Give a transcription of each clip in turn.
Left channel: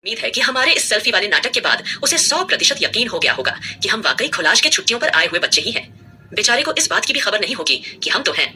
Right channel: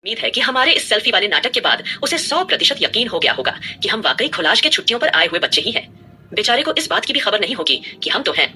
उम्मीद है कि हमारे इस सेल्फी वाले नाटक के बाद उसे 100% यकीन हो गया होगा कि हम वाकई खुलाश के छुट्टियों पर आए हुए बच्चे ही हैं। बेचारे को इस बात की भी खबर नहीं होगी कि हम तो हैं।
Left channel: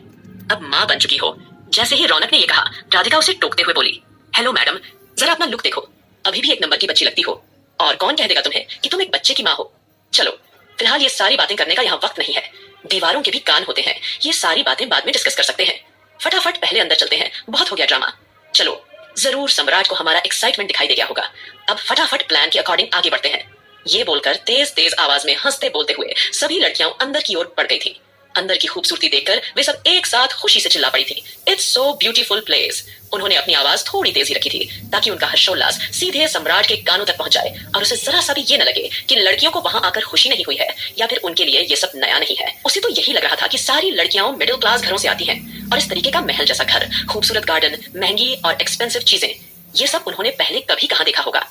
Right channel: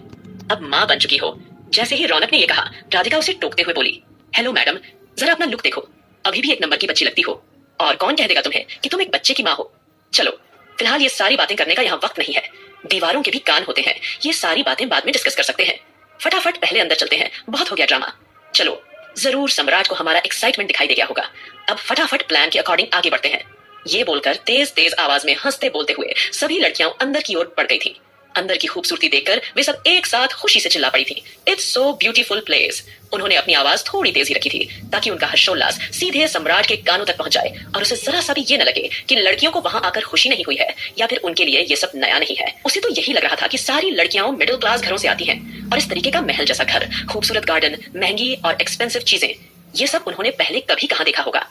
अब माँ बन चुकी हो। जैसे ही रौनक ने ये कहा, राधिका उसे टोकते हुए बोली, हेलो मैडम, जरा अपना लुक देखो, अभी भी एक नंबर की बच्ची लगती हो। और कौन कह देगा तुम्हें कि तुम एक बच्चे की माँ हो। चलो, फिलहाल ये सारी बातें करने का यहाँ वक्त नहीं है। दीवारों के भी कान होते हैं, ये सारी बातें बाद में डिस्कस कर सकते हैं। फटाफट पहले अंदर चलते हैं, बहुत हो गया ड्रामा। चलो, जरूर सम्राट को हमारा एक्साइटमेंट दिखाई दे गया होगा। अब फटाफट प्लान के अकॉर्डिंग आगे बढ़ते हैं। ये बोलकर तेज तेज आवाज में हंसते बोलते हुए सभी लड़कियां अंदर की ओर बढ़ गई थी। अंदर की खूबसूरती देखकर वे सब एक साथ खुशी से चिल्ला पड़ी थी, इट्स सो ब्यूटीफुल प्लेस। उन्होंने अपनी आवाज थोड़ी तेज ही रखी थी ताकि उनका हर्षोल्लास सीधे सम्राट के कानों तक पहुंच जाए और उसे जरा सा भी ये न लगे कि लड़कियों को वहां आकर खुशी नहीं हुई है या फिर उनके लिए ये सब नया नहीं है। उसे तो यही लग रहा था कि सारी लड़कियां मिडिल क्लास घरों से आती हैं और इस तरीके का महल जैसा घर, खूबसूरत गार्डन, महंगी और एक्सपेंसिव चीजें, ये सब उन्होंने पहले कभी कहां देखा होगा।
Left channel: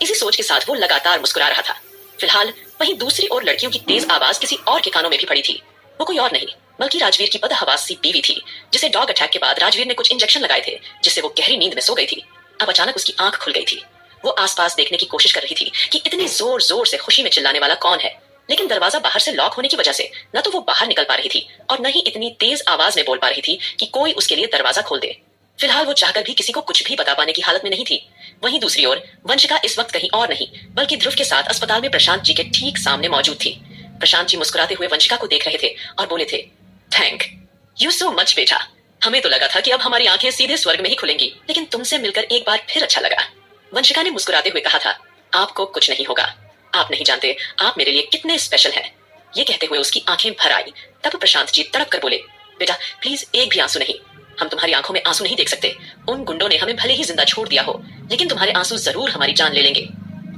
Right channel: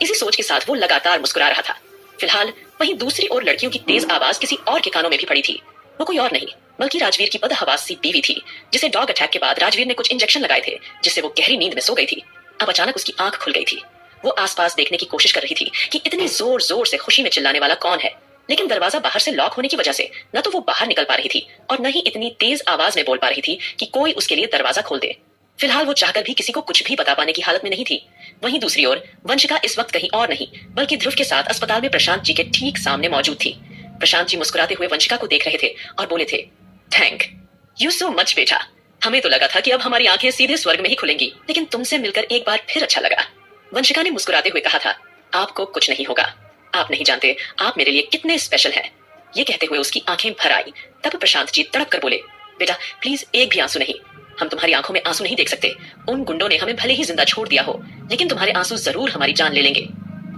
इसी सोच के साथ वो लगातार मुस्कुरा रहा था। फिलहाल वहीं दूसरी ओर लड़कियों की तेज आवाज किसी और के कानों में भी पड़ी थी। वो कोई और नहीं बल्कि राजवीर की बदहवास सी बीवी थी, जिसे डॉग अटैक के बाद राजवीर ने कुछ इंजेक्शन लगाए थे, जिससे वो गहरी नींद में सो गई थी। अब अचानक उसकी आंख खुल गई थी। वो आसपास देखने की कोशिश कर रही थी कि इतने जोर जोर से खुशी में चिल्लाने वाला कौन है, लेकिन दरवाजा बाहर से लॉक होने की वजह से न तो वो बाहर निकल पा रही थी और न ही इतनी तेज आवाज में बोल पा रही थी कि कोई उसके लिए दरवाजा खोल दे। फिलहाल वो चाहकर भी किसी को कुछ भी बता पाने की हालत में नहीं थी। वहीं दूसरी ओर वंशिका इस वक्त कहीं और नहीं बल्कि ध्रुव के साथ अस्पताल में प्रशांत जी के ठीक सामने मौजूद थी। प्रशांत जी मुस्कुराते हुए वंशिका को देख रहे थे और बोले थे, थैंक यू सो मच बेटा। हमें तो लगा था कि अब हमारी आंखें सीधे स्वर्ग में ही खुलेंगी, लेकिन तुमसे मिलकर एक बार फिर अच्छा लगा। वंशिका ने मुस्कुराते हुए कहा था, आपको कुछ नहीं होगा, आप नहीं जानते आप मेरे लिए कितने स्पेशल हैं। ये कहते हुए उसकी आंखें भर आई। तब प्रशांत जी तड़प कर बोले, बेटा प्लीज एक भी आंसू नहीं, हम तुम्हारी आंखों में आंसू नहीं देख सकते। उन गुंडों ने हमें भले ही जिंदा छोड़ दिया हो, लेकिन तुम्हारे आंसू जरूर हमारी जान ले लेंगे।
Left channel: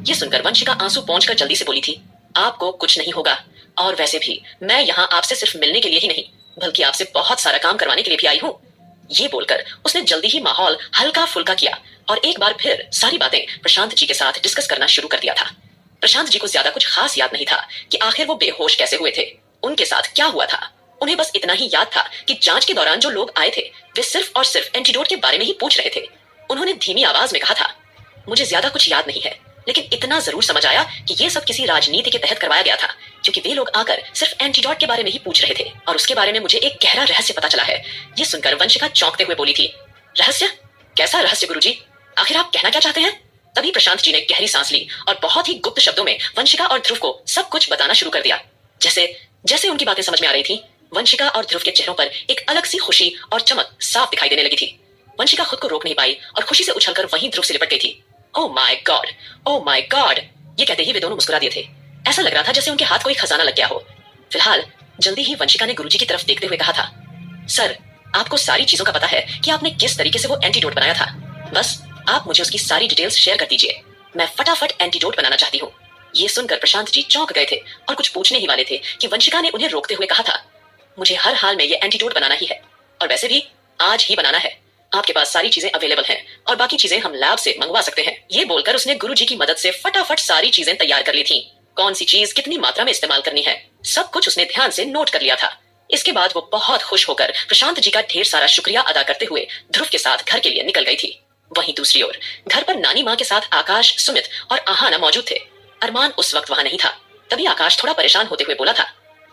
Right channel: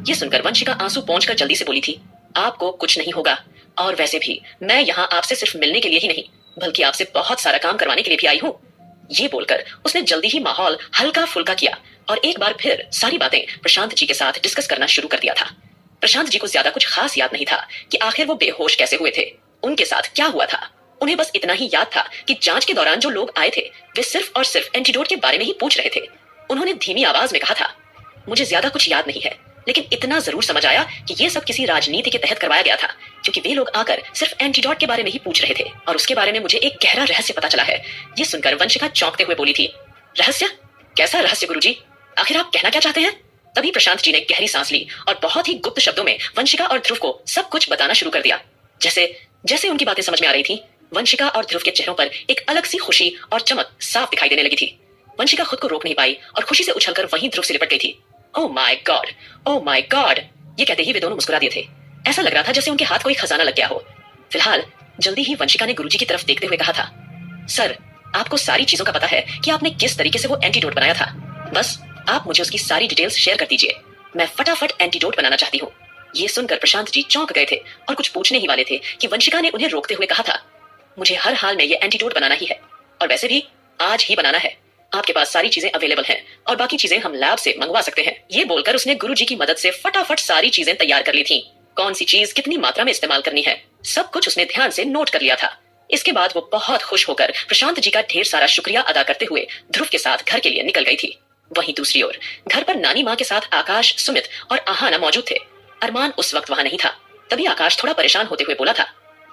ये सुनकर वंशिका आंसू पहुंचकर जल्दी से बोली थी, आपको कुछ नहीं होगा, और वैसे भी मैं यहाँ आपसे सिर्फ मिलने के लिए ही नहीं बल्कि आपसे बहुत सारा काम करवाने के लिए भी आई हूँ। ये बोलकर उसने जल्दी ही माहौल हल्का फुल्का किया और एक बार फिर सारी बातें प्रशांत जी के साथ डिस्कस करना शुरू कर दिया था। प्रशांत जी को ज्यादा कुछ खास याद नहीं था कि आखिर वो बेहोश कैसे हुए थे, उनके साथ क्या हुआ था। उन्हें बस इतना ही याद था कि जांच के दौरान जो लोग आए थे वे सिर्फ और सिर्फ एंटीडोट के बारे में ही पूछ रहे थे। उन्होंने धीमी आवाज में कहा था, मुझे ज्यादा कुछ याद नहीं है, लेकिन इतना जरूर समझ आया कि ये सब किसी राजनीति के तहत करवाया गया था, क्योंकि वे लोग आकर सिर्फ एंटीडोट के बारे में ही पूछ रहे थे और उसके बारे में मुझे एक गहरा रहस्य पता चला है। ये सुनकर वंशिका चौंकते हुए बोली थी, रहस्य? कैसा रहस्य गुरुजी? आखिर आप कहना क्या चाहते हैं? तभी प्रशांत जी ने गहरी सांस ली और बहुत ही गुप्त शब्दों में वंशिका और ध्रुव को सब कुछ बताना शुरू कर दिया। जैसे जैसे उनकी बातें समझ में आ रही थी, वंशिका और ध्रुव के चेहरों पर एक अलग सी खुशी और चमक साफ दिखाई देने लगी थी। वंशिका खुद को रोक नहीं पाई और खुशी से उछलकर वहीं ध्रुव से लिपट गई थी। Oh my God, oh my God, ये कहते ही वे दोनों मुस्कुरा दिए थे। ऐसा लग रहा था जैसे उनके हाथ कोई खजाना लग गया हो। फिलहाल जल्दी ही वंशिका ने गुरुजी की तरफ देखते हुए कहा था, सर आपको सारी चीजों का पता है कि आपने किस तरीके से वो एंटीडोट बनाया था, बस आप मुझे उसकी सारी डिटेल्स शेयर कर दीजिए, मैं फटाफट एंटीडोट बनाना चाहती हूँ। ये सुनकर प्रशांत जी चौंक गए थे और कुछ पूछने ही वाले थे कि वंशिका ने उन्हें रोकते हुए कहा था, मुझे हर हाल में ये एंटीडोट बनाना ही है और वैसे भी आज ही बनाना है। आपके पास सारी चीजें अवेलेबल हैं और बाकी चीजें हम लैब से मंगवा सकते हैं। ये बोलकर उसने गुरुजी की मदद से फटाफट सारी चीजें तैयार कर ली थी। कौन सी चीज कितनी मात्रा में इस्तेमाल करनी है, सब कुछ उसने ध्यान से नोट कर लिया था। इसके बाद वो बहुत खुश होकर प्रशांत जी का ढेर सारा शुक्रिया अदा करते हुए ध्रुव के साथ घर के लिए निकल गई थी। वहीं दूसरी ओर घर पर नानी माँ के साथ आकाश, सुमित और आहाना मौजूद थे। अरमान उस वक्त वहां नहीं था। तभी आकाश थोड़ा परेशान होते हुए बोला था,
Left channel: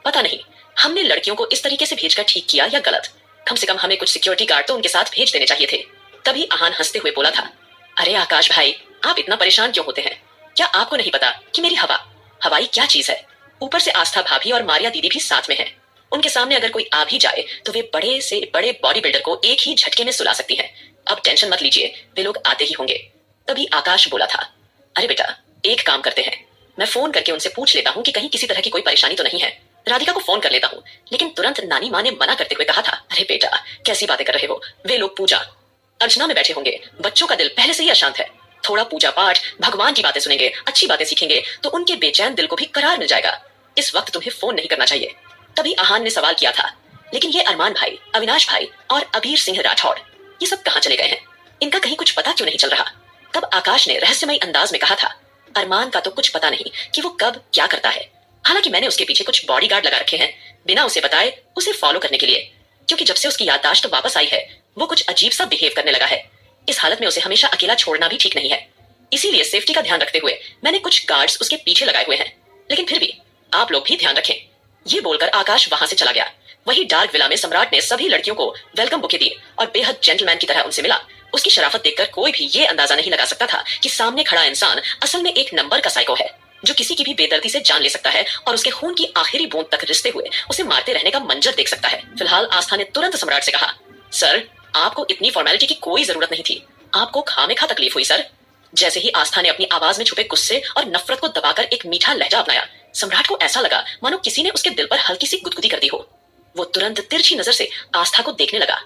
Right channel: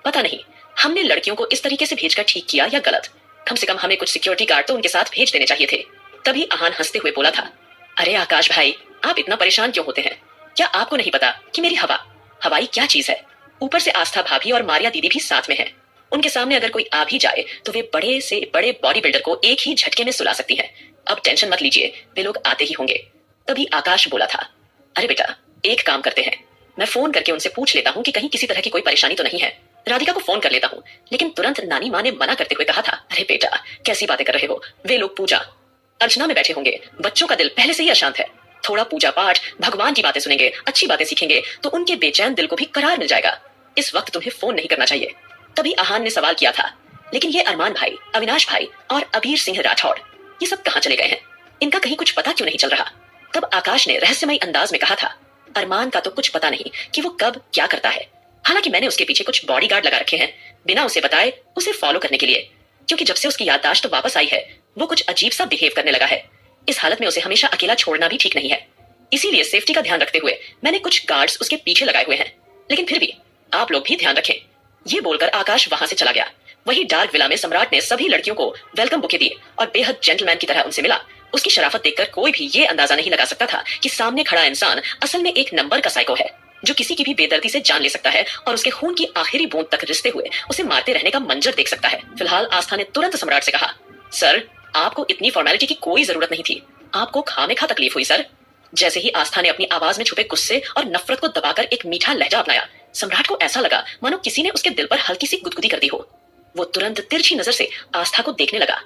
पता नहीं हमने लड़कियों को इस तरीके से भेजकर ठीक किया या गलत, कम से कम हमें कुछ सिक्योरिटी गार्ड तो उनके साथ भेज देने चाहिए थे। तभी आहान हंसते हुए बोला था, अरे आकाश भाई आप इतना परेशान क्यों होते हैं? क्या आपको नहीं पता कि मेरी हवाई क्या चीज है? ऊपर से आस्था भाभी और मारिया दीदी भी साथ में है। उनके सामने अगर कोई आ भी जाए तो वे बड़े से बड़े बॉडी बिल्डर को एक ही झटके में सुला सकती है। अब टेंशन मत लीजिए, वे लोग आते ही होंगे। तभी आकाश बोला था, अरे बेटा एक काम करते हैं, मैं फोन करके उनसे पूछ लेता हूँ कि कहीं किसी तरह की कोई परेशानी तो नहीं है। राधिका को फोन कर लेता हूँ। लेकिन तुरंत नानी माँ ने मना करते हुए कहा था, अरे बेटा कैसी बातें कर रहे हो, वे लोग पूजा अर्चना में बैठे होंगे, बच्चों का दिल पहले से ही अशांत है, थोड़ा पूजा पाठ भगवान की बातें सुनेंगे, अच्छी बातें सीखेंगे तो उनके बेचैन दिल को भी करार मिल जाएगा। इस वक्त तुम्हें फोन नहीं करना चाहिए। तभी आहान ने सवाल किया था, लेकिन ये अरमान भाई, अविनाश भाई और अबीर सिंह राठौड़ ये सब कहाँ चले गए हैं? इनका कहीं कुछ पता क्यों नहीं चल रहा? तब आकाश ने रहस्यमय अंदाज में कहा था, अरमान का तो कुछ पता नहीं कि वो कब क्या करता है। हालांकि मैंने उसके पीछे कुछ बॉडीगार्ड लगा रखे हैं बिना उसे बताए उसे फॉलो करने के लिए, क्योंकि जब से उसकी याददाश्त वापस आई है वो कुछ अजीब सा बिहेव करने लगा है। इस हालत में उसे हमेशा अकेला छोड़ना भी ठीक नहीं है। इसीलिए सेफ्टी का ध्यान रखते हुए मैंने कुछ गार्ड्स उसके पीछे लगाए हुए हैं। लेकिन फिर भी आप लोग भी ध्यान रखें। ये बोलकर आकाश वहां से चला गया। वही डार्क विला में सम्राट ने सभी लड़कियों को वेलकम बुके दिए और बेहद जेंटलमैन की तरह उनसे मिला। उसकी शराफत देखकर कोई भी ये अंदाजा नहीं लगा सकता था कि सामने खड़ा इंसान असल में एक नंबर का साइको है, जो किसी की भी बेदर्दी से जान ले सकता है और उसके खून की आखिरी बूंद तक रिसते हुए उसे मारते रहने का मंजर देख सकता है। फिलहाल आस्था ने तुरंत सम्राट से कहा, सर आपको इतनी फॉर्मेलिटी की कोई जरूरत नहीं थी, आपको खामेखा तकलीफ हुई सर। जैसे ही आस्था ने अपनी आवाज में छुपे गुस्से और नफरत को दबाकर एक मीठा लहजा अपनाया, सम्राट को ऐसा लगा मानो किसी ने उसके दिल पर हल्की सी गुदगुदी कर दी हो। वो तुरंत तिरछी नजर से आस्था को देखने लगा।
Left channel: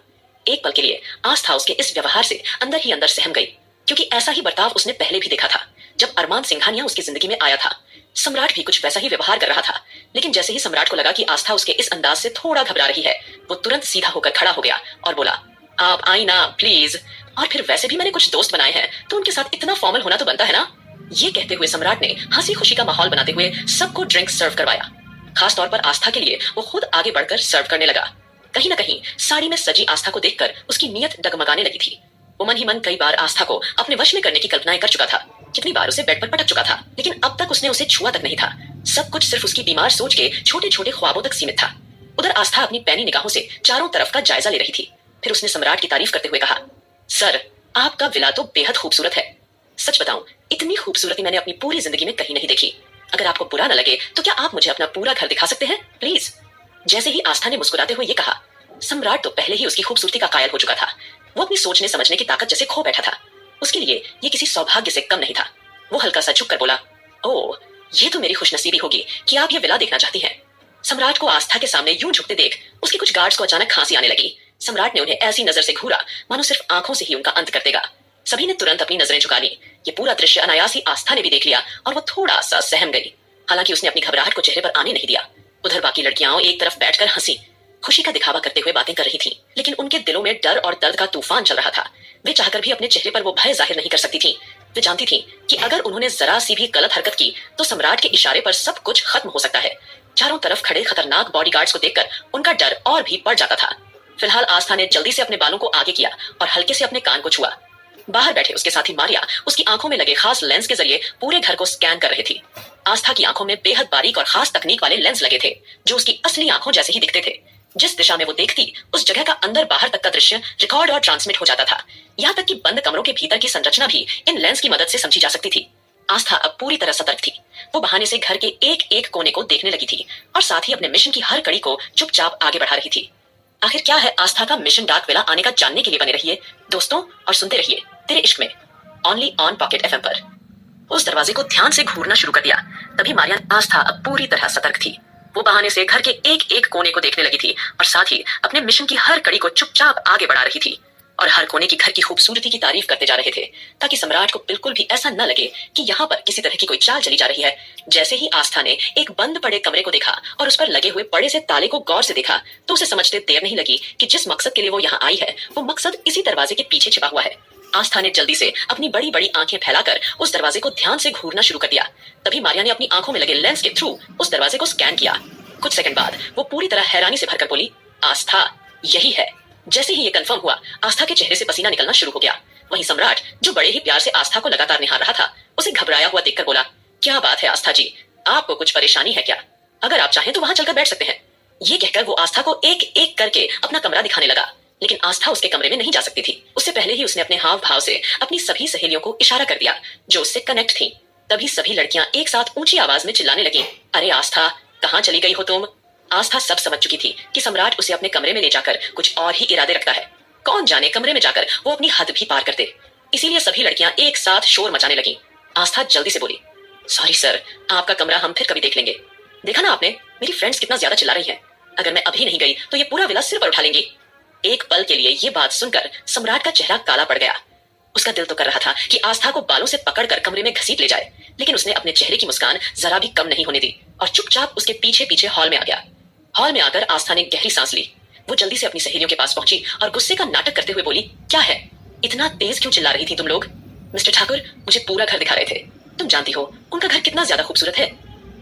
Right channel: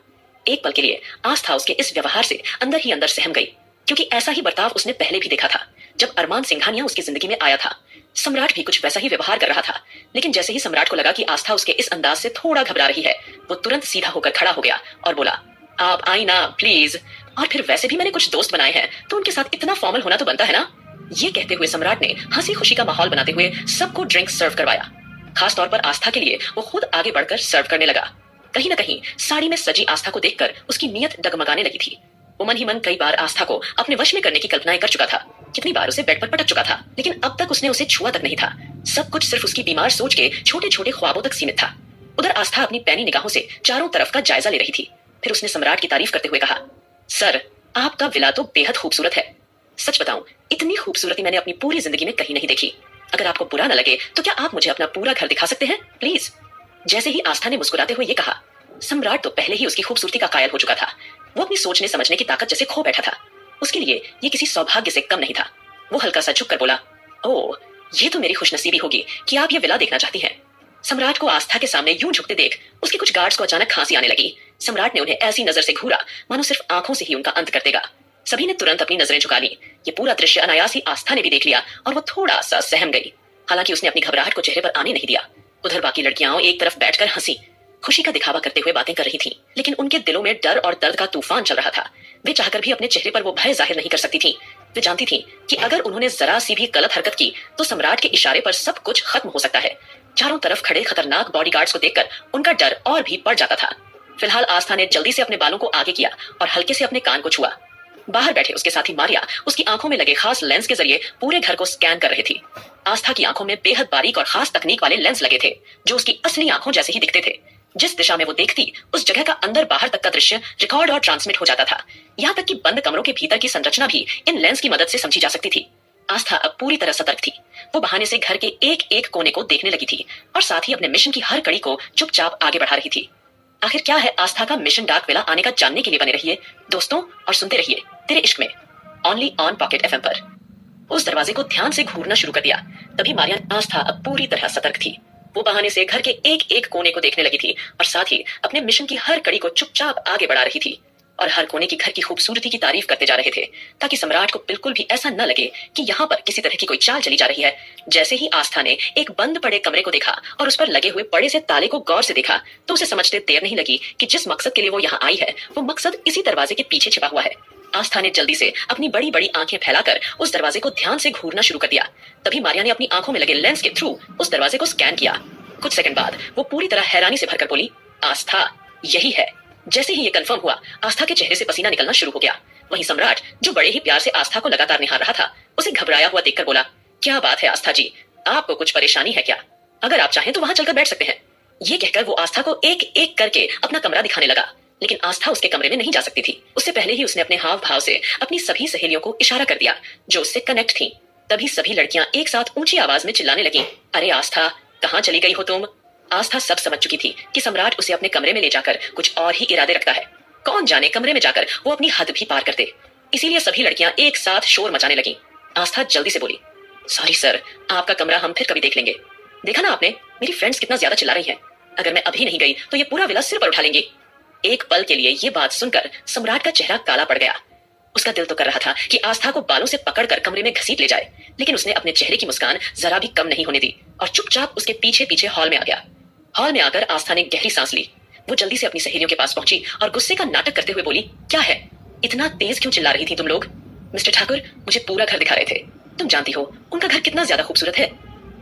एक पल के लिए आस्था उसके इस व्यवहार से अंदर ही अंदर सहम गई, क्योंकि ऐसा ही बर्ताव उसने पहले भी देखा था जब अरमान सिंघानिया उसकी जिंदगी में आया था। सम्राट भी कुछ वैसा ही व्यवहार कर रहा था। लेकिन जैसे ही सम्राट को लगा कि आस्था उसके इस अंदाज से थोड़ा घबरा रही है, वो तुरंत सीधा होकर खड़ा हो गया और बोला, आप आई ना प्लीज। और फिर वैसे भी मैंने कुछ दोस्त बनाए हैं, तो उनके साथ इतना फॉर्मल होना तो बनता है ना। ये कहते हुए सम्राट ने हंसी खुशी का माहौल बनाते हुए सबको ड्रिंक सर्व करवाया। खास तौर पर आस्था के लिए वो खुद आगे बढ़कर सर्व करने लगा। कहीं ना कहीं साड़ी में सजी आस्था को देखकर उसकी नीयत डगमगाने लगी थी। वो मन ही मन कई बार आस्था को अपने वश में करने की कल्पनाएं कर चुका था। कितनी बार उसे बेड पर पटक चुका था, लेकिन अब तक उसने उसे छुआ तक नहीं था। सब कुछ सिर्फ उसकी बीमार सोच के छोटे छोटे ख्वाबों तक सीमित था। उधर आस्था अपनी पैनी निगाहों से चारों तरफ का जायजा ले रही थी। फिर उसने सम्राट की तारीफ करते हुए कहा, सर आपका विला तो बेहद खूबसूरत है। सच बताऊं, इतनी खूबसूरती मैंने अपनी पूरी जिंदगी में कहीं नहीं देखी। अगर आपको बुरा न लगे तो क्या आप मुझे अपना पूरा घर दिखा सकते हैं प्लीज। जैसे ही आस्था ने मुस्कुराते हुए ये कहा, सम्राट तो पहले ही उसकी खूबसूरती का कायल हो चुका था। वो अपनी सोचने समझने की ताकत जैसे खो बैठा था। उसके लिए ये किसी सौभाग्य से कम नहीं था। वो हल्का सा झुककर बोला, ओह ये तो मेरी खुशनसीबी होगी कि आप ये विला देखना चाहती हैं। सम्राट को आस्था के सामने यूं झुकते देख उसके कुछ गार्ड्स को अचानक खांसी आने लगी। सम्राट ने उन्हें ऐसी नजर से घूरा मानो सिर्फ आंखों से ही उनका अंत कर देगा। सभी ने तुरंत अपनी नजरें झुका ली। ये पूरा दृश्य अनायास ही आस्था ने भी देख लिया और वो थोड़ा सा सहम गई। हालांकि उसने अपनी घबराहट को चेहरे पर आने नहीं दिया। उधर बाकी लड़कियां एक तरफ बैठकर हंसी खुशी का दिखावा करते हुए बातें कर रही थीं, लेकिन उनके दिलों में डर और दर्द का तूफान चल रहा था। वे चाहकर भी अपने चेहरे पर वो भय जाहिर नहीं कर सकती थीं। वे जानती थीं कि अगर उन्होंने जरा सी भी गलत हरकत की तो सम्राट के इशारे पर सब कुछ खत्म हो सकता है। चारों तरफ खड़े खतरनाक बॉडीगार्ड्स को देखकर उनका डर और भी बढ़ जाता था। फिलहाल आस्था ने जल्दी से अपने बालों को आगे किया और हल्के से अपने कान को छुआ। बाहर बैठे उसके साथी मारिया उसकी आंखों में लगे खास लेंस के जरिए पूरे घर को स्कैन कर रही थी। आस्था की आंखों में बेहद बारीक और खास तकनीक वाले लेंस लगे थे, जो उसकी असली आंखों जैसे ही दिखते थे। जिस दिशा में वो देखती, उस जगह का अंदर बाहर तक का दृश्य रिकॉर्ड और ट्रांसमिट हो जाता था। यहाँ तक कि बंद कमरों के भीतर की संरचना भी इन लेंस की मदद से समझी जा सकती थी। आस्था अब पूरी तरह सतर्क थी। वो बहाने से घर के एक एक कोने को देखने लगी थी और साथ ही अपने मिशन की हर कड़ी को चुपचाप आगे बढ़ा रही थी। आखिर क्या है आस्था का मिशन डार्क विला आने का जानने के लिए बने रहिए दोस्तों, और सुनते रहिए तेरे इश्क में, ओनली ऑन पॉकेट एफएम पर। उस दरवाजे को ध्यान से घूरना शुरू कर दिया। तभी मारियन आस्था अब पूरी तरह सतर्क थी। वो बहाने से घर के एक एक कोने को देखने लगी थी और साथ ही अपने मिशन की हर कड़ी को चुपचाप आगे बढ़ा रही थी और हर कोने की घर की खूबसूरती की तारीफ करते जा रहे थे, ताकि सम्राट को बिल्कुल भी ऐसा न लगे कि यहाँ पर किसी तरह की कोई चाल चली जा रही है। जैसे ही आस्था ने एक बंद पड़े कमरे को देखा और उस पर लगे हुए बड़े से ताले को गौर से देखा, तो उसे समझते देर नहीं लगी कि जिस मकसद के लिए वो यहाँ आई है, वो मकसद इसी दरवाजे के पीछे छिपा हुआ है। आस्था ने जल्दी से अपनी बड़ी बड़ी आंखें फैलाकर उस दरवाजे को ध्यान से घूरना शुरू कर दिया। तभी मारिया ने अपनी आंखों में लगे लेंस के थ्रू उस दरवाजे को स्कैन किया। कुछ सेकंड बाद वो पूरी तरह हैरानी से भरकर बोली, आस्था यही है। जैसे ही ये कंफर्म हुआ, आस्था के चेहरे से पसीना निकलना शुरू हो गया। वहीं सम्राट, जो बड़े ही प्यार से आस्था को लगातार निहार रहा था, उसे घबराया हुआ देखकर बोला, क्या बात है आस्था जी, आपको कुछ परेशानी है क्या? अगर आप चाहें तो वहां चलकर बैठ सकते हैं। ये कहकर वो आस्था को एक एक करके अपना कमरा दिखाने लगा, लेकिन आस्था उसके कमरे में नहीं जा सकती थी। उससे पहले ही उसने अपने हाव भाव से अपनी सभी सहेलियों को इशारा कर दिया जो उससे कनेक्ट थी। तभी सभी लड़कियां एक साथ ऊंची आवाज में चिल्लाने लगी, अरे आस्था, कहाँ चली गई हो तुम? आस्था सब समझ चुकी थी कि सम्राट उसे अपने कमरे में ले जाकर कुछ और ही इरादे रखता है। कौन जाने कमरे में जाकर वो अपनी हद भी पार कर दे। इसीलिए सभी लड़कियां एक साथ शोर मचाने लगी। आस्था जल्दी से बोली, सॉरी सर, आपका कमरा हम फिर कभी देख लेंगे। देखा ना आपने, मेरी फ्रेंड्स कितना ज्यादा चिल्ला रही हैं। अगर मैं अभी नहीं गई तो ये पूरा विला सिर पर उठा लेंगी। एक पल के लिए ये बात सुनकर सम्राट का चेहरा काला पड़ गया। उसका दिल तो कर रहा था कि आस्था को बालों से पकड़कर कमरे में घसीट ले जाए, लेकिन उसने अपने चेहरे की मुस्कान जरा भी कम नहीं होने दी और चुपचाप उसके पीछे पीछे हॉल में आ गया। हॉल में आकर आस्था ने गहरी सांस ली। वो जल्दी से अपनी सहेलियों के पास पहुंची और गुस्से का नाटक करते हुए बोली, क्या है, इतना तेज क्यों चिल्ला रही थी तुम लोग? मिस्टर ठाकुर मुझे पूरा घर दिखा रहे थे। तुम जानती हो उनका घर कितना ज्यादा खूबसूरत है।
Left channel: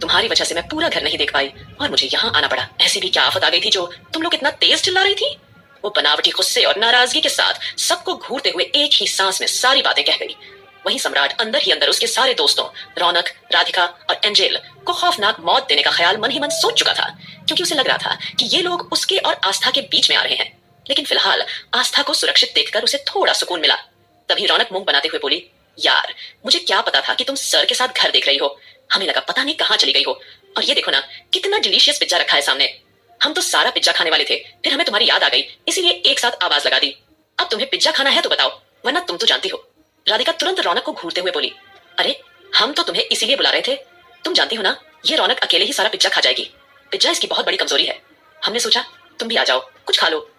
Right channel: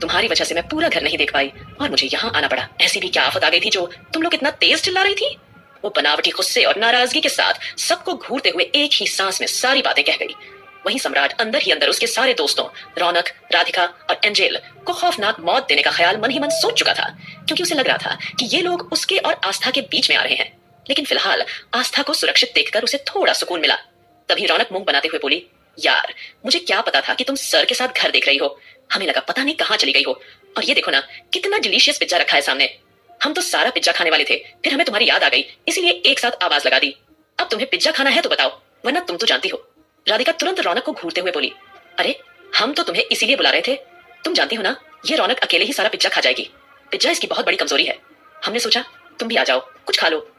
तुम्हारी वजह से मैं पूरा घर नहीं देख पाई और मुझे यहाँ आना पड़ा। ऐसी भी क्या आफत आ गई थी जो तुम लोग इतना तेज चिल्ला रही थी? वो बनावटी गुस्से और नाराजगी के साथ सबको घूरते हुए एक ही सांस में सारी बातें कह गई। वहीं सम्राट अंदर ही अंदर उसके सारे दोस्तों रौनक, राधिका और एंजेल को खौफनाक मौत देने का ख्याल मन ही मन सोच चुका था, क्योंकि उसे लग रहा था कि ये लोग उसके और आस्था के बीच में आ रहे हैं। लेकिन फिलहाल आस्था को सुरक्षित देखकर उसे थोड़ा सुकून मिला। तभी रौनक मुंह बनाते हुए बोली, यार मुझे क्या पता था कि तुम सर के साथ घर देख रही हो। हमें लगा पता नहीं कहाँ चली गई हो। और ये देखो ना, कितना डिलीशियस पिज्जा रखा है सामने। हम तो सारा पिज्जा खाने वाले थे, फिर हमें तुम्हारी याद आ गई, इसीलिए एक साथ आवाज लगा दी। अब तुम्हें पिज्जा खाना है तो बताओ, वरना तुम तो जानती हो। राधिका तुरंत रौनक को घूरते हुए बोली, अरे हम तो तुम्हें इसीलिए बुला रहे थे, तुम जानती हो ना ये रौनक अकेले ही सारा पिज्जा खा जाएगी। पिज्जा इसकी बहुत बड़ी कमजोरी है। हमने सोचा तुम भी आ जाओ, कुछ खा लो।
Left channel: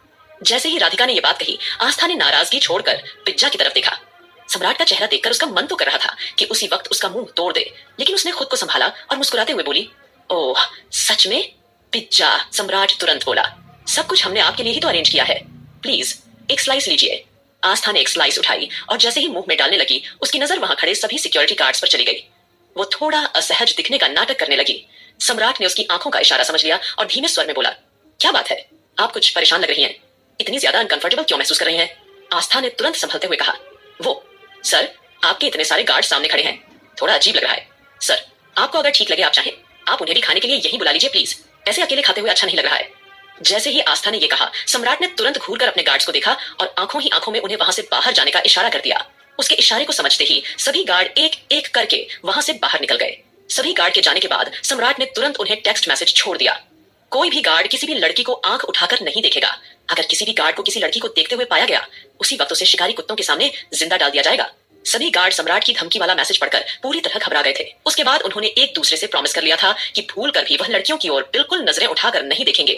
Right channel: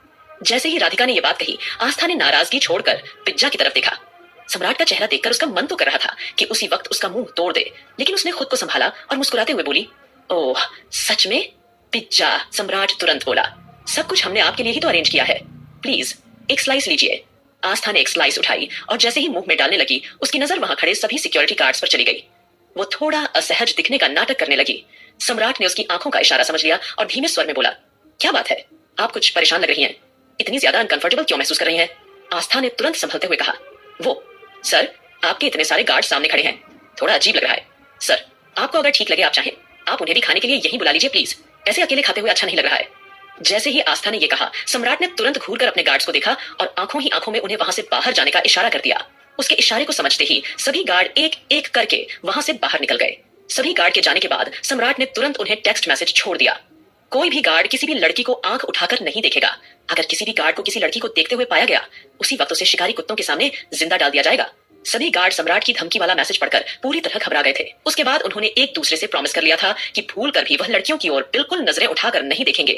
जैसे ही राधिका ने यह बात कही, आस्था ने नाराजगी छोड़कर पिज्जा की तरफ देखा। सम्राट का चेहरा देखकर उसका मन तो कर रहा था कि उसी वक्त उसका मुंह तोड़ दे, लेकिन उसने खुद को संभाला और मुस्कुराते हुए बोली, ओह सच में पिज्जा। सम्राट तुरंत बोला, सब कुछ हमने आपके लिए ही तो अरेंज किया है, प्लीज एक स्लाइस लीजिए। आस्था ने एक स्लाइस उठाई और जैसे ही मुंह में डालने लगी, उसकी नजर वहां खड़े सभी सिक्योरिटी गार्ड्स पर चली गई। वो थोड़ा असहज दिखने का नाटक करने लगी। सम्राट ने उसकी आंखों का इशारा समझ लिया और धीमे स्वर में बोला, क्या बात है, आप कुछ परेशान लग रही हैं, इतनी ज्यादा अनकंफर्टेबल क्यों महसूस कर रही हैं? आस्था ने तुरंत संभलते हुए कहा, वो सर आपके इतने सारे गार्ड सामने खड़े हैं, थोड़ा अजीब लग रहा है। सर आपको अगर ठीक लगे आप चाहें, आप उन्हें भी खाने के लिए यहीं बुला लीजिए प्लीज, ऐसे अकेले खाते हुए अच्छा नहीं लग रहा है। जैसे ही आस्था ने यह कहा, सम्राट ने तुरंत घूरकर अपने गार्ड्स को देखा और आंखों ही आंखों में उन्हें वहां से बाहर जाने का इशारा कर दिया। उसके इशारे को समझते ही सभी गार्ड एक एक करके वहां से बाहर निकल गए। सभी गार्ड के जाने के बाद सम्राट ने तुरंत उन्हें टेक्स्ट मैसेज छोड़ दिया, कोई भी गार्ड किसी भी लड़की को आंख उठाकर नहीं देखेगा। अगर किसी भी गार्ड को किसी लड़की को देखते हुए पाया गया, उसी वक्त उसे शिकारी कुत्तों के सामने जिंदा डाल दिया जाएगा। सभी गार्ड सम्राट की धमकी वाला मैसेज पढ़कर पूरी तरह घबरा गए थे। उसके बाद उन्होंने एक दूसरे से प्रॉमिस कर लिया था कि भूल कर भी वह लड़कियों की ओर बिल्कुल नजरें उठाकर नहीं देखेंगे,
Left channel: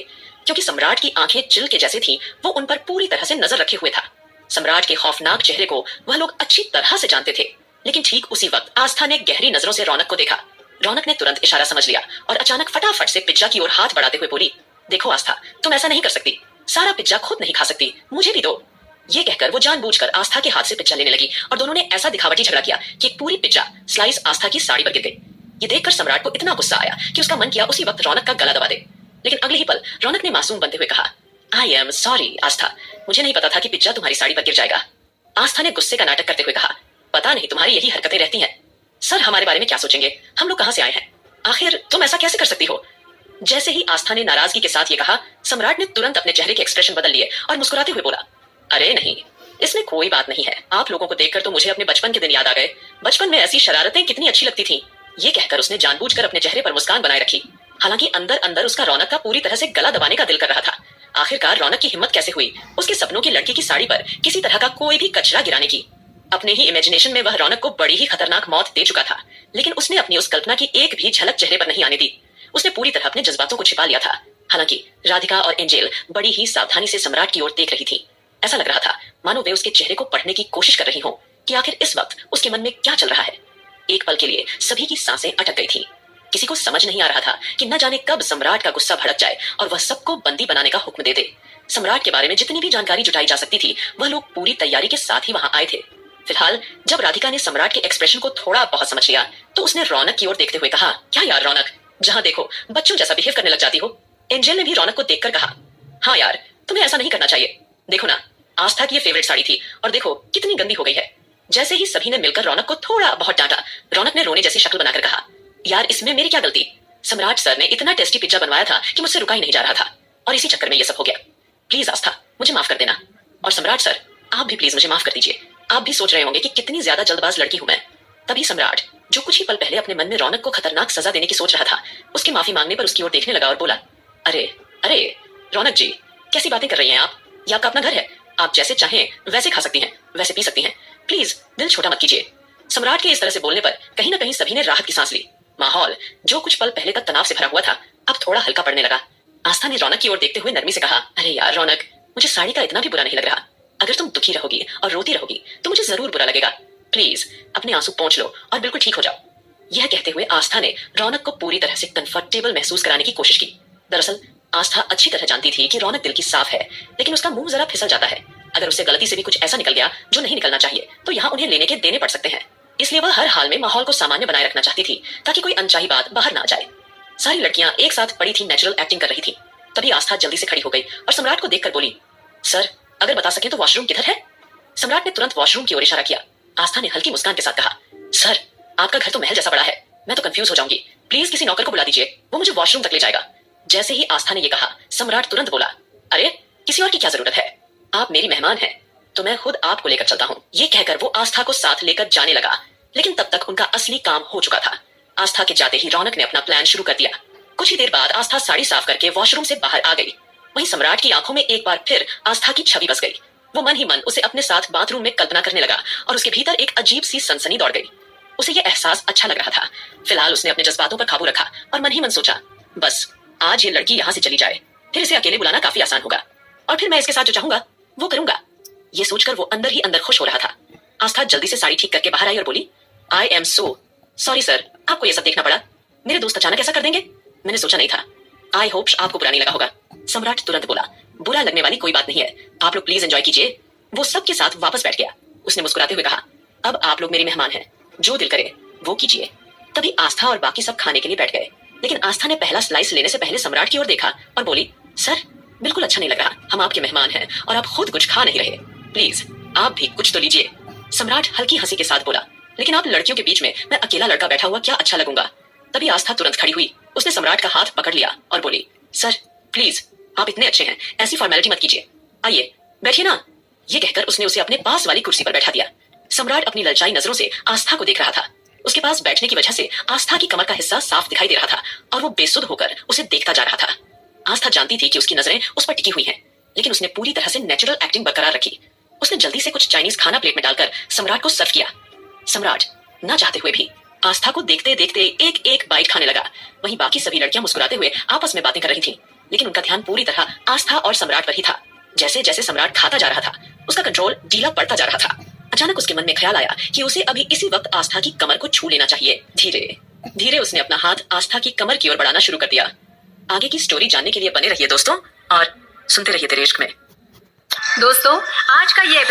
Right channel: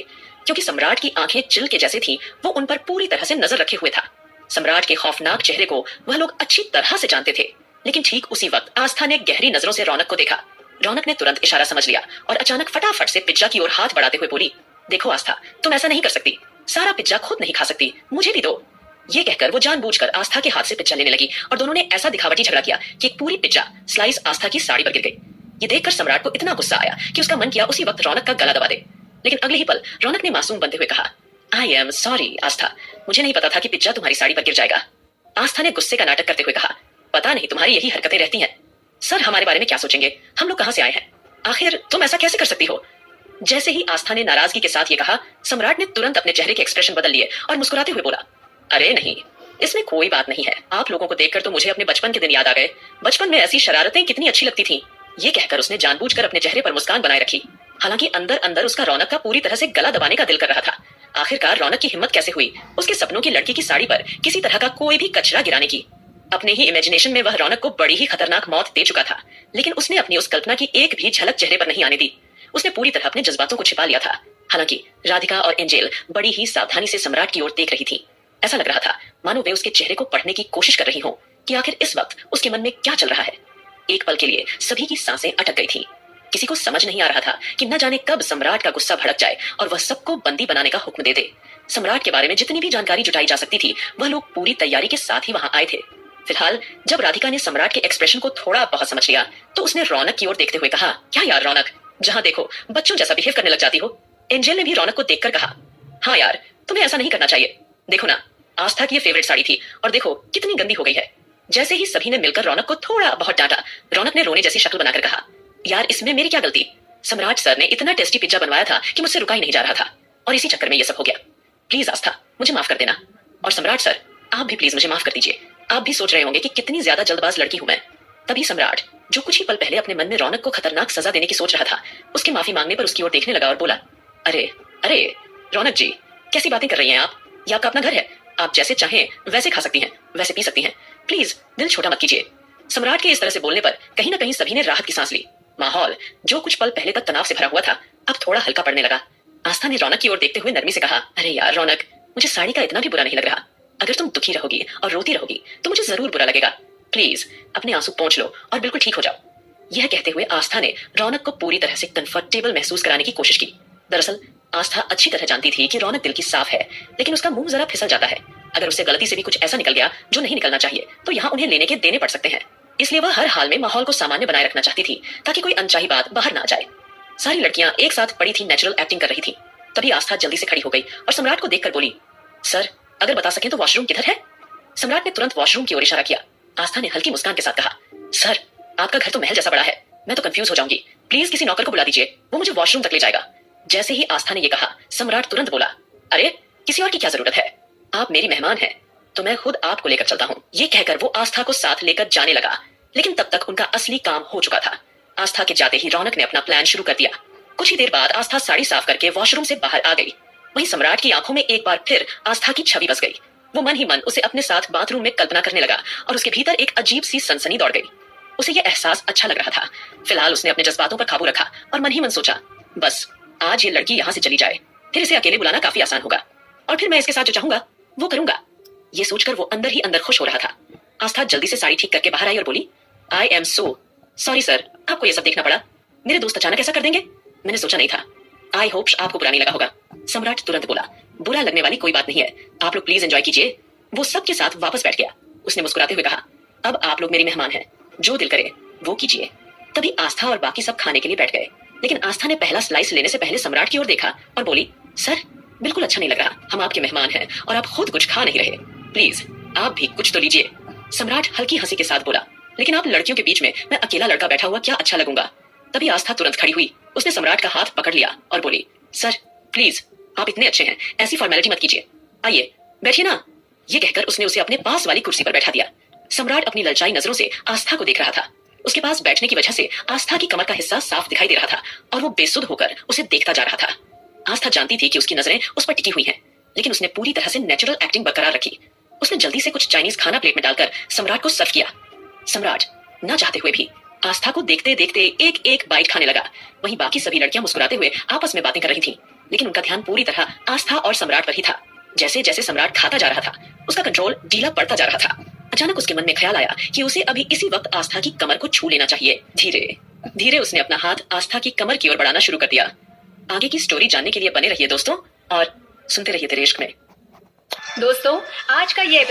क्योंकि सम्राट की आंखें चिल के जैसे थी, वो उन पर पूरी तरह से नजर रखे हुए था। सम्राट के खौफनाक चेहरे को वह लोग अच्छी तरह से जानते थे। लेकिन ठीक उसी वक्त आस्था ने गहरी नजरों से रौनक को देखा। रौनक ने तुरंत इशारा समझ लिया और अचानक फटाफट से पिज्जा की ओर हाथ बढ़ाते हुए बोली, देखो आस्था, तुम ऐसा नहीं कर सकती, सारा पिज्जा खुद नहीं खा सकती, मुझे भी दो। ये कहकर वो जानबूझकर आस्था के हाथ से पिज्जा लेने लगी और दोनों ने ऐसा दिखावटी झगड़ा किया कि एक पूरी पिज्जा स्लाइस आस्था की साड़ी पर गिर गई। ये देखकर सम्राट को इतना गुस्सा आया कि उसका मन किया उसी वक्त रौनक का गला दबा दे। लेकिन अगले ही पल रौनक ने मासूम बनते हुए कहा, आई एम सॉरी आस्था, मुझे नहीं पता था कि पिज्जा तुम्हारी साड़ी पर गिर जाएगा। आस्था ने गुस्से का नाटक करते हुए कहा, पता नहीं तुम्हारी यही हरकतें रहती हैं। सर हमारे बारे में क्या सोचेंगे, हम लोग कहां से आए हैं, आखिर तुम ऐसा कैसे कर सकती हो? जैसे ही आस्था ने नाराजगी के साथ ये कहा, सम्राट ने तुरंत अपने चेहरे के एक्सप्रेशन बदल लिए और मुस्कुराते हुए बोला, अरे नहीं, इसमें कोई बात नहीं है। आप लोगों को देखकर तो मुझे अपने बचपन के दिन याद आ गए। बचपन में ऐसी शरारतें कितनी अच्छी लगती थीं। ये कहकर उसने जानबूझकर अपने चेहरे पर मुस्कान बनाए रखी। हालांकि अंदर अंदर उसका रौनक का पूरी तरह से गला दबाने का दिल कर रहा था। आखिरकार रौनक की हिम्मत कैसे हुई उसके सपनों की लड़की की साड़ी पर किसी तरह का कोई भी कचरा गिराने की? अपने ही इमेजिनेशन में वह रौनक को बड़ी ही खतरनाक मौत दे चुका था, लेकिन उसने अपनी उस कल्पना की एक भी झलक चेहरे पर नहीं आने दी। उसने पूरी तरह अपने जज्बातों को छिपा लिया था। हालांकि राधिका और एंजेल बड़ी ही सावधानी से सम्राट की ओर देख रही थी। ऐसा लग रहा था मानो वे उसके चेहरे को पढ़ने की कोशिश कर रही हों कि आखिर इस वक्त उसके मन में क्या चल रहा है। एक पल के लिए सभी की सांसें अटक गई थी। किसी को समझ नहीं आ रहा था कि न जाने कब सम्राट का गुस्सा भड़क जाए और वह सबको बंदी बनाने का हुक्म दे दे। सम्राट के बारे में जितनी भी जानकारी जुटाई जा सकती थी, वह लोग पूरी तैयारी के साथ ही वहां आए थे। फिलहाल जब राधिका ने सम्राट के एक्सप्रेशन को थोड़ा बहुत समझ लिया, तो उसने रौनक की ओर देखते हुए कहा, क्या यार रौनक, जहां देखो बच्चों जैसा बिहेव करने लग जाती हो। एंजेल ने भी रौनक को देखकर कहा, हाँ यार तुम्हें ऐसा नहीं करना चाहिए। देखो ना, आस्था की ये फेवरेट साड़ी थी और देखो कितनी गंदी हो गई है। जैसे ही सभी ने मिलकर रौनक को थोड़ा बहुत डांटा, रौनक ने रोने जैसी शक्ल बनाकर कहा, यार इसमें मेरी क्या गलती? सम्राट सर ने इतना टेस्टी पिज्जा बनवाया था कि मुझसे रुका ही नहीं जा रहा था और इसी चक्कर में ये सब हो गया। प्लीज आस्था मुझे माफ कर देना, और सम्राट सर आप भी प्लीज मुझे माफ कर दीजिए। आप भी सोच रहे होंगे कि कितनी ज्यादा जल्दबाज लड़की हूं मैं। तभी सम्राट, जो कुछ ही पल पहले अपने मन में रौनक को खतरनाक सजा देने की सोच रहा था, उसके माफी मांगने पर उसकी ओर देखने लगा और बोला, अरे अरे रौनक जी, कैसी बातें कर रही हैं आप? ये आपका अपना घर है, आप जैसे चाहें वैसे खा सकती हैं, वैसे पी सकती हैं, प्लीज दिल छोटा मत कीजिए। सम्राट के इस तरह से बोलने पर कहीं ना कहीं सभी ने राहत की सांस ली। माहौल जो कुछ पल पहले तक तनाव से भरा हुआ था, अब थोड़ा हल्का पड़ने लगा। आस्था ने रौनक की ओर देखते हुए नरमी से कहा, अरे यार रौनक, मुझे साड़ी का इतना भी बुरा नहीं लग रहा। अगर तुम दुखी रहोगी और रोती रहोगी तो मुझे जरूर बुरा लगेगा। प्लीज अपने आंसू पोंछ लो और बिल्कुल ठीक हो जाओ। यह कहते हुए आस्था ने रौनक को पूरी तरह से कंफर्टेबल महसूस कराने की कोशिश की। दरअसल आस्था अच्छी तरह जानती थी कि रौनक दिल की साफ है, लेकिन उसका मुंह जरा फिसल जाता है। अगर उससे गलती से भी कुछ ऐसा निकल गया जो नहीं निकलना चाहिए, तो यहाँ उन्हें लेने के देने पड़ सकते हैं। इसलिए वह हर हाल में माहौल को सामान्य बनाए रखना चाहती थी, ताकि कोई अनचाही बात बाहर ना आ जाए। सारी लड़कियां एक साथ पड़ी थी, नेचुरल एक्टिंग कर रही थी। तभी आस्था जल्दी से खड़ी हो गई और सम्राट को देखकर बोली, सर अगर बता सकें तो वॉशरूम किधर है? सम्राट ने तुरंत वॉशरूम की ओर इशारा किया। आस्था ने हल्की मुस्कान के साथ कहा, सर, आपका घर तो महल जैसा बड़ा है, मैं तो कंफ्यूज हो जाऊंगी। प्लीज किसी नौकर को बुला दीजिए, वो मुझे वॉशरूम तक ले जाएगा। जैसे ही आस्था ने ये कहा, सम्राट तुरंत बोला, अरे किसी और की क्या जरूरत है, आप मेरी मेहमान हैं, तो मैं खुद आपको लेकर चलता हूँ। ये कहकर वो आस्था को साथ लेकर जाने लगा, लेकिन तब तक उनका असली काम हो चुका था। आस्था के जाते ही रौनक ने अपना प्लान शुरू कर दिया। कुछ ही देर बाद आस्था साड़ी साफ करके वॉशरूम से बाहर आ गई। वहीं सम्राट की आंखों में एक बार फिर आस्था की छवि बस गई। वो मन ही मन उसे अपने साथ बाथरूम में कल्पना करने लगा और उसके भीतर एक अजीब सी सनसनी दौड़ गई। उसे यह एहसास अच्छा लग रहा था। फिलहाल उसने अपने जज्बातों पर काबू रखा और मन ही मन सोचा, बस आज ये लड़की यहाँ से चली जाए, फिर इसे अकेले बुलाना काफी आसान होगा और फिर मैं इसके साथ जो चाहूंगा वो करूंगा। ये सोचकर वो अंदर ही अंदर खुश हो रहा था। आस्था जल्दी से साड़ी ठीक करके बाहर आई और बोली, I am so sorry sir, आपको ये सब देखना पड़ा। मेरे दोस्त अचानक ऐसा कर देंगे, मैंने सोचा नहीं था। आई होप आपको बुरा नहीं लगा होगा। सम्राट तुरंत बोला, बुरा लगने वाली कोई बात नहीं है, आप लोग प्लीज एंजॉय कीजिए। वो सबके साथ वापस बैठ गया। उसने मुस्कुराते हुए कहा, अब आप लोग मेरी मेहमान हैं, जो दिल करे वो कीजिए। तभी आस्था और बाकी सब खाने के लिए बैठ गए, लेकिन आस्था ने पहला स्लाइस लेने से पहले सम्राट की ओर देखा और बोली, सर बिल्कुल अच्छा नहीं लग रहा, हम आपके मेहमान हैं और आप खुद कुछ खा नहीं रहे, प्लीज आप भी कुछ तो लीजिए। सम्राट हल्की हंसी के साथ बोला, लेकिन आप लड़कियों के बीच में मैं अकेला लड़का बैठा हुआ क्या अच्छा लगूंगा। तभी आस्था तुरंत खड़ी हुई। उसने सम्राट का हाथ पकड़ लिया और बोली, सर प्लीज आप इतने अच्छे हैं, ऐसी फॉर्मेलिटी मत कीजिए, आइए बैठिए ना। ये कहकर उसने उसे अपने पास वाली कुर्सी पर बैठा दिया। सम्राट अपनी ललचाई नजरों से आस्था को देख रहा था। उसके पास बैठने की वजह से आस्था की कमर का हिस्सा साफ दिखाई दे रहा था और वो बेसुध होकर उसे देखता जा रहा था। आस्था जानती थी कि उसकी नजरें उस पर टिकी हुई हैं, लेकिन उसने पूरी तरह से नेचुरल एक्टिंग बरकरार रखी। उसने जल्दी से कुछ चाइनीज खाना प्लेट में डालकर सम्राट को सर्व किया। सम्राट ना चाहते हुए भी आस्था को देखते देखते एक एक बाइट खाने लगा। वहीं बाकी सभी लड़कियां मुस्कुराते हुए आपस में बातें कर रही थीं, लेकिन उनका ध्यान पूरी तरह आस्था और सम्राट पर ही था। जैसे जैसे सम्राट खाता जा रहा था, उसका कंट्रोल ढीला पड़ता जा रहा था। अचानक उसके मन में ख्याल आया कि उसे अभी इसी वक्त आस्था की कमर को छू लेना चाहिए। धीरे धीरे उसने अपना हाथ आस्था की कमर की ओर बढ़ाना शुरू कर दिया। आगे की स्टोरी जानने के लिए बने रहिए दोस्तों और सुनते रहिए तेरे इश्क में। दोस्तों आज का ये